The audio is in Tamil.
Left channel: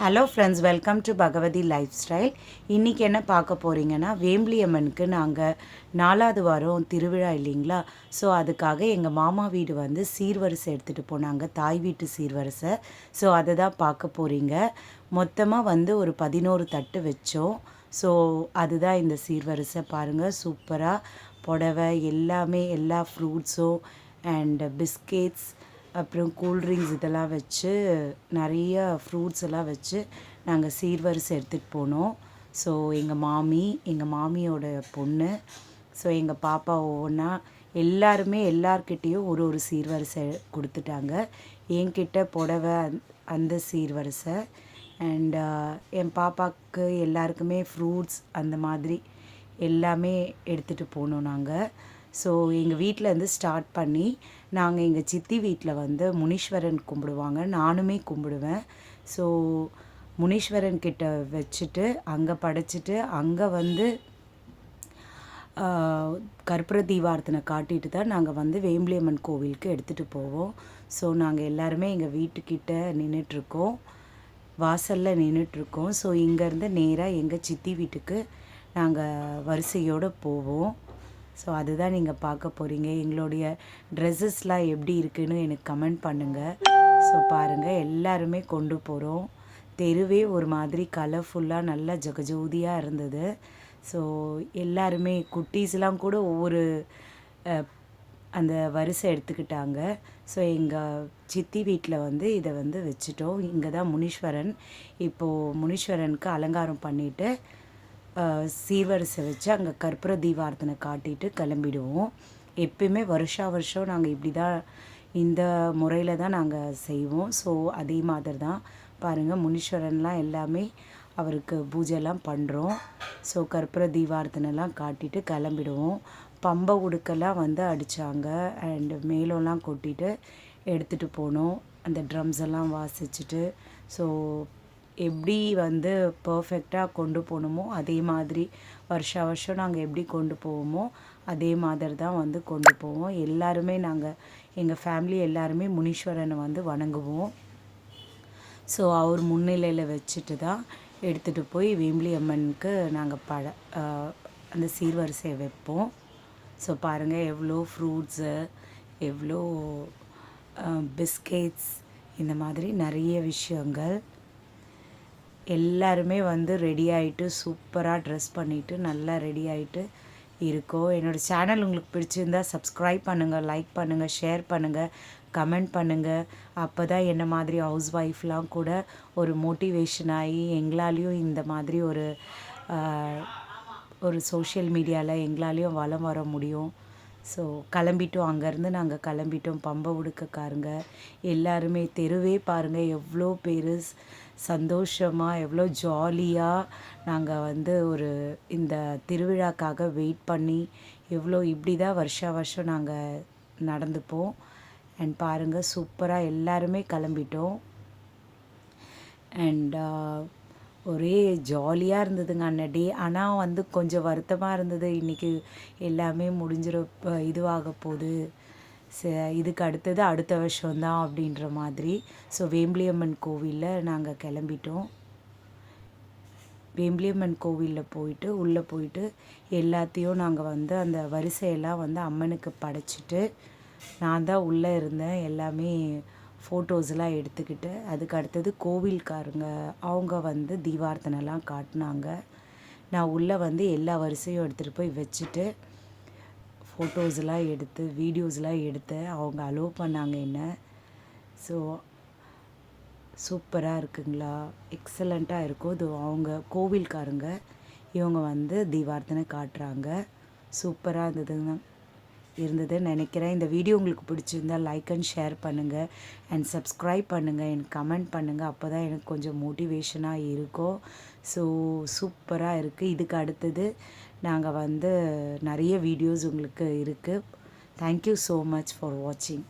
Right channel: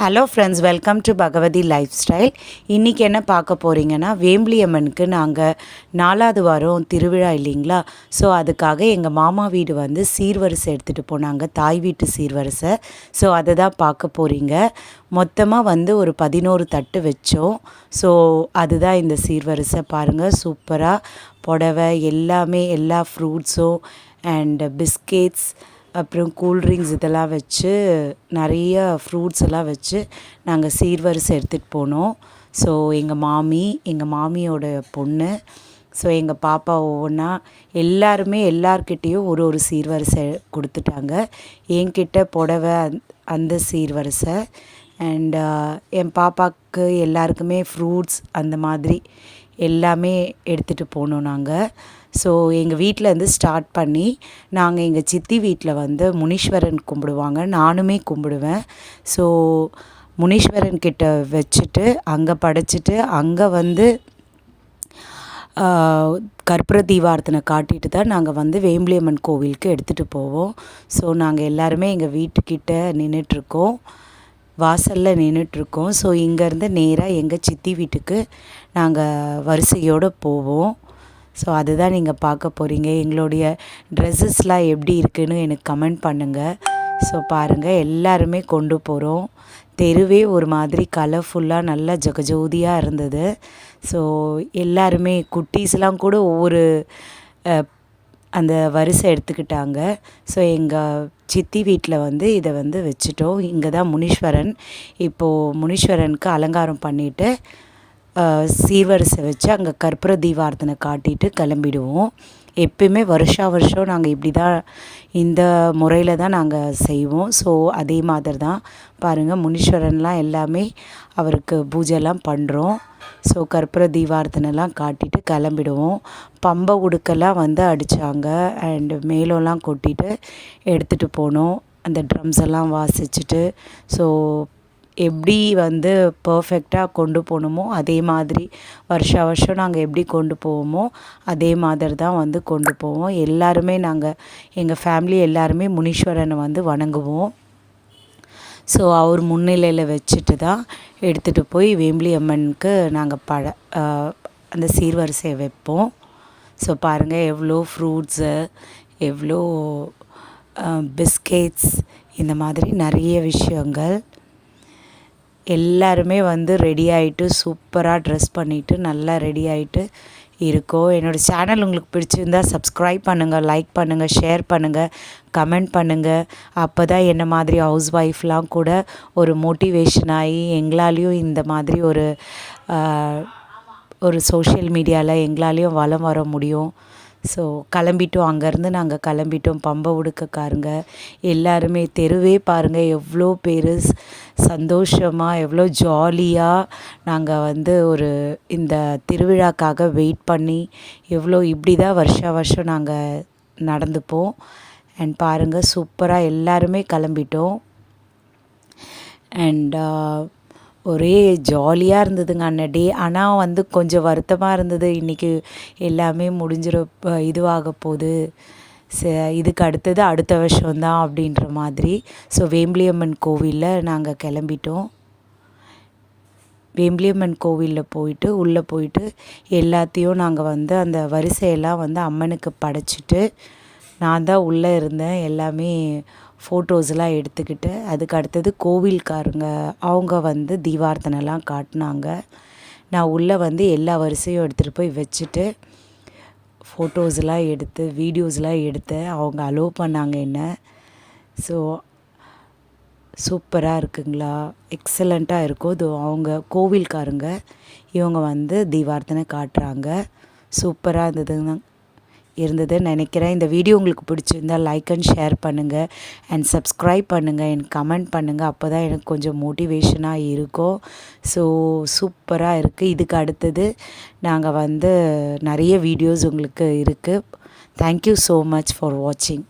Hello friends, welcome to Bhagavathi lifestyle. இன்றைக்கி என்ன பார்க்க போகிறீங்கன்னா, வேம்பலி அம்மனுக்கு நாங்கள் 4வது வாரம் திருவிழா இல்லைங்களா. ஸோ அதுக்காக எங்கள் மாமா வீடு வந்து சீர்வரிசை எடுத்துகிட்டு போனாங்க, தாய் வீட்டு சீர்வரிசை. ஸோ அதை தான் பார்க்க போகிறீங்க. மொத்தமாக வந்து ஒரு 11 தட்டு வச்சோம். ஸோ அதுதான் இந்த சீர்வரிசை. பாருங்கள், சூப்பராக புடவை எல்லாமே, எல்லா ஃப்ரூட்ஸும் அண்ட் பிஸ்கெட்ஸ், அப்புறம் கூல்ட்ரிங்க்ஸ் இதெல்லாம் வச்சு, நிறைய ஃப்ரூட்ஸ் எல்லாம் வச்சு நாங்கள் சீர்வரிசை எடுத்துகிட்டு போனோம். ஸோ எங்கள் மாமியோட பொண்ணு, ஸோ எங்கள் பாப்பா ஒவ்வொன்றா எல்லாருமே எல்லார்கிட்டேயும் ஒரு ஒரு சீர்வரிசை கொடுத்துட்டாங்க. என்கிட்ட புடவை அந்த சீர்வரிசை அண்ட் என் பாப்பாவுக்கு எல்லாருக்குமே ஃப்ரூட்ஸ் அந்த மாதிரி எல்லாமே எடுத்துகிட்டு போனோம் நாங்கள். ஸோ எங்கள் வீட்டிலேருந்து ஸ்டார்ட் பண்ணி நாங்கள் எங்கள் சித்தி வீட்டில் வந்து முனீஸ்வரன் கும்பிடுவாங்க, நானுமே கும்பிடுவேன். ஸோ முனீஸ்வரன் கிட்ட வச்சுட்டு அங்கே படைச்சிட்டு அங்கே வந்து கற்பூர தீபாரத்தனை காட்டிட்டு தான் நாங்கள் வந்து வேம்பலி அம்மன் கோவிலுக்கு எடுத்துகிட்டு போவோம். ஸோ நாங்கள் எல்லாருமே எங்கள் வீட்டுக்கிட்ட நின்றுட்டுருக்கோம், வாசலில் நின்றுட்டுருக்கோம். ஸோ இங்கேருந்து நேராக எங்கள் சித்தி வீட்டுக்கு நாங்கள் வரிசையோடு போவோம். ஸோ அதுதான் நீங்கள் பார்க்க போகிறீங்க. எங்களுடைய ட்ரெஸ்ஸஸ்லாம் எப்படி இருக்குதுன்னு எனக்கு கமெண்ட் பண்ணுங்கள். ஸோ பாருங்கள், எல்லாருமே கொண்டு போகிறோம். தெருவே ஒரு மாதிரி கலர்ஃபுல்லாக நல்லா ஜகஜோதியாக இருந்தது. ஸோ எல்லாருமே குட்டீஸ்லாம் கூட ஒவ்வொரு அந்த வரிசை எடுத்துக்கிட்டாங்க. ஸோ எங்கள் சித்தி வீட்டில் வந்து இதை வந்து வச்சுட்டோம். இங்கே தான் முனீஸ்வரன். இப்போது முனீஸ்வரனுக்கு அலங்காரம் பண்ணிவிட்டு சீர்வரிசை வச்சு அங்கே கற்பூர தீபாரத்தனை காட்டிட்டு கிளம்பிடுவோம். எப்பயுமே வருஷம் நாங்கள் இப்படி தான், இந்த முறையில் தான் நாங்கள் செய்வோம். ஸோ அதே மாதிரி தான் பாருங்கள், முனீஸ்வரன்லாம் எல்லாமே அவருக்கு பூஜைலாம் பண்ணுறோம். ஸோ கற்பூர தீபாரத்தனைலாம் காட்டிட்டு கிளம்பிடுவோம். பம்பை உடுக்கெல்லாம் வந்து அடித்தாங்க அண்டு மேலம்லாம் கொட்டிட்டு எடுத்துகிட்டு போனோம். அந்த ட்ரம்ஸ் எல்லாம் வாசிச்சுட்டு, ஸோ எப்படி வந்து பர்ஃபெக்டாக கொண்டு போகணுமோ அதே மாதிரி வருஷம் நாங்கள் எப்படி கொண்டு போவோமோ அதே மாதிரி தான் வந்து கொண்டு போவோம். எல்லாருமே நாங்கள் எங்கள் ஃபேமிலி எல்லாருமே முனீஸ்வரனை வந்து வணங்குவோம். ஸோ அவர் முன்னிலையில் வச்சுட்டு தான் எடுத்துகிட்டு போய் வேம்பலி அம்மனுக்கு நாங்கள் அந்த சீர்வரிசையை வைப்போம். ஸோ பாருங்கள், எவ்வளோ ஃப்ரூட்ஸு, எவ்வளோ பிஸ்கெட்ஸ், இந்த மாதிரி நிறைய விஷயங்கள். எல்லாருமே வந்து ரெடி ஆகிட்டு சூப்பராக ட்ரெஸ் பண்ணிவிட்டு நல்லா ரெடி ஆகிட்டு இருக்கோம். என்னோடய சேனல் உங்களுக்கு பிடிச்சிருந்தால் சப்ஸ்கிரைப் பண்ணுங்கள், லைக் பண்ணுங்கள், ஷேர் பண்ணுங்கள், கமெண்ட் பண்ணுங்கள். அப்போ தான் என்ன மாதிரி ஹவுஸ் ஒய்ஃப்லாம் கூட ஒரு மோட்டிவேஷன் ஆகி எங்களாலேயும் இந்த மாதிரி ஒரு சோஷியல் மீடியாவில் எங்களாலேயும் வலம் வர முடியும். ஸோ கிளம்பிட்டோம். அங்கேருந்து நாங்கள் கிளம்பிட்டோம். பம்பை உடுக்கக்காரங்க எல்லாருமே, தெருவே பாருங்கள் எவ்வளோ பேர் சந்தோஷமாக, எவ்வளோ ஜாலியாக நாங்கள் வந்து இந்த திருவிழாக்காக வெயிட் பண்ணி இப்படி தான் வருஷம் நாங்கள் நடந்துப்போம். அண்ட் பாருங்கள், சூப்பராக எல்லாருமே கிளம்பிட்டோம். அண்ட் ஒரே ஜாலியாக இருந்ததுங்க அன்ன டே. ஆனால் வந்து கொஞ்சம் வருத்தமாக இருந்தது, இன்றைக்கி எல்லாமே இதுவாக போகுது, இதுக்கு அடுத்தது அடுத்த வருஷம்தான் அப்படின்ற மாதிரி. ஸோ வேம்பலி அம்மன் கோவிலில் நாங்கள் கிளம்பிட்டோம். வேம்பலி அம்மன் கோவிலில் போயிட்டு உள்ளே போயிட்டு எல்லாத்தையும் நாங்கள் வந்து அந்த வரிசையெல்லாம் வந்து அம்மனுக்கு படைச்சிட்டு நான் தான் உள்ளே இருந்தேன். எல்லாமே ஃபோட்டோஸ்லாம் எடுத்துக்கிட்டு அதுக்கு அடுத்தது கோவில்காரங்க அவங்க வந்து தீபாரத்தனைலாம் காட்டினாங்க. நான் உள்ளே வந்து எல்லா வரிசையும் எடுத்துகிட்டு போய் வச்சுட்டு ஃபோட்டோஸ்லாம் எடுத்து வீடியோஸ்லாம் எடுத்தேன். அவங்க அலோவ் பண்ணாங்க என்ன. ஸோ சூப்பராக இருக்குங்களா, எக்ஸலண்ட்டாக இருக்கும். இது அவங்க கோவில்காரங்க, இவங்க வந்து தீபாரத்தனை காட்டுறாங்க. சூப்பராக இருந்ததுன்னு நினைக்கிறேன். இந்த வீடியோ உங்களுக்கு பிடிச்சிருந்தால் லைக் அண்ட் ஷேர் பண்ணுங்கள் அண்ட் சப்ஸ்கிரைப் பண்ணுங்கள், எனக்கு கமெண்ட் பண்ணுங்கள். அப்போ தான் எனக்கு கொஞ்சம் மோட்டிவேஷனாக இருக்கும். ஸோ சூப்பராக இருக்குது. இதுக்கு அடுத்தது நாங்கள் வந்து நிறைய வீடியோஸ் உங்களுக்கு இருக்குது. தேங்க்யூ ஸோ மச் ஃபார் வாட்சிங்.